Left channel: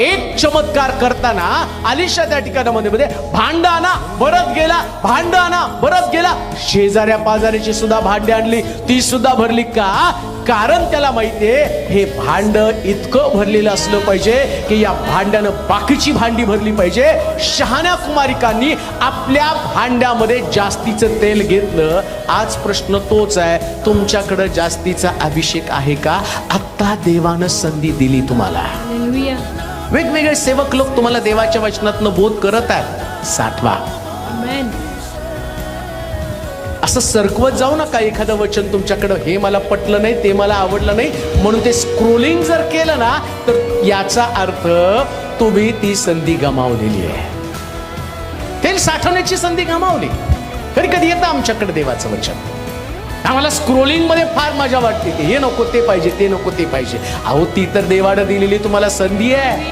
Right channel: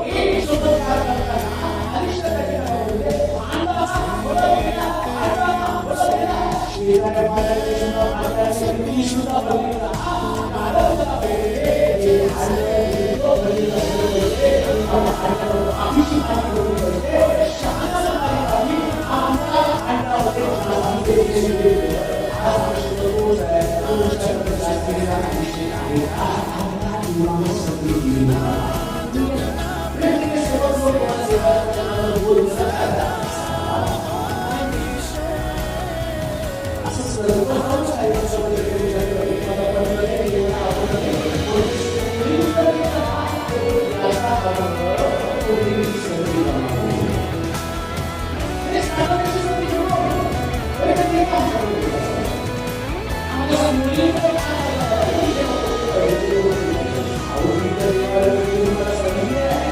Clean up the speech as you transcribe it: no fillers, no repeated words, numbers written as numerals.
एक चमत्कार करताना अलिशा त्या ठिकाणामध्ये भांड आणा परत गेला, भांड आणा परत गेला, शेजाऱ्या पाजाऱ्याची सुद्धा भांडी आणली, ती सुद्धा भरली. का? कारण त्याला माहितीये हे भांड इतकं भरलेलं असलं पाहिजे की या भांड्यानं बाकीची भांडी भरली पाहिजे. शहाण्या कुमारिकांनी आपल्या भांड्यामध्ये जास्तीचं तेल घेतलं. आज प्रश्न तोच आहे, तुमच्याकडे जास्तीचा अभिषेक आहे का? आता देवानं संधी दिली तुम्हाला. वेगवेगळे सेवक लोक तुम्हाला देवाच्या वचनातनं बोध करत आहेत, साठवा. असं सरकवत जाऊ नका एखादं वचन तुमच्याकडं, हे मला पटलं नाही, ते मला आवडलं नाही म्हणून ते स्क्रोलिंग जर केलं ना तर याचा अर्थ तुम्ही ती संधी गमावलेली आहे. तेल साठवण्याची संधी गमावली. कधी कधी येतं आमच्याकडे देवाचं वचन, आम्हाला स्क्रोलिंग मध्ये फार मजा वाटते, हे नको ते पाहिजे, ते नको ते पाहिजे. अहो ती तर देवानं दिलेली तुम्हाला संधी आहे.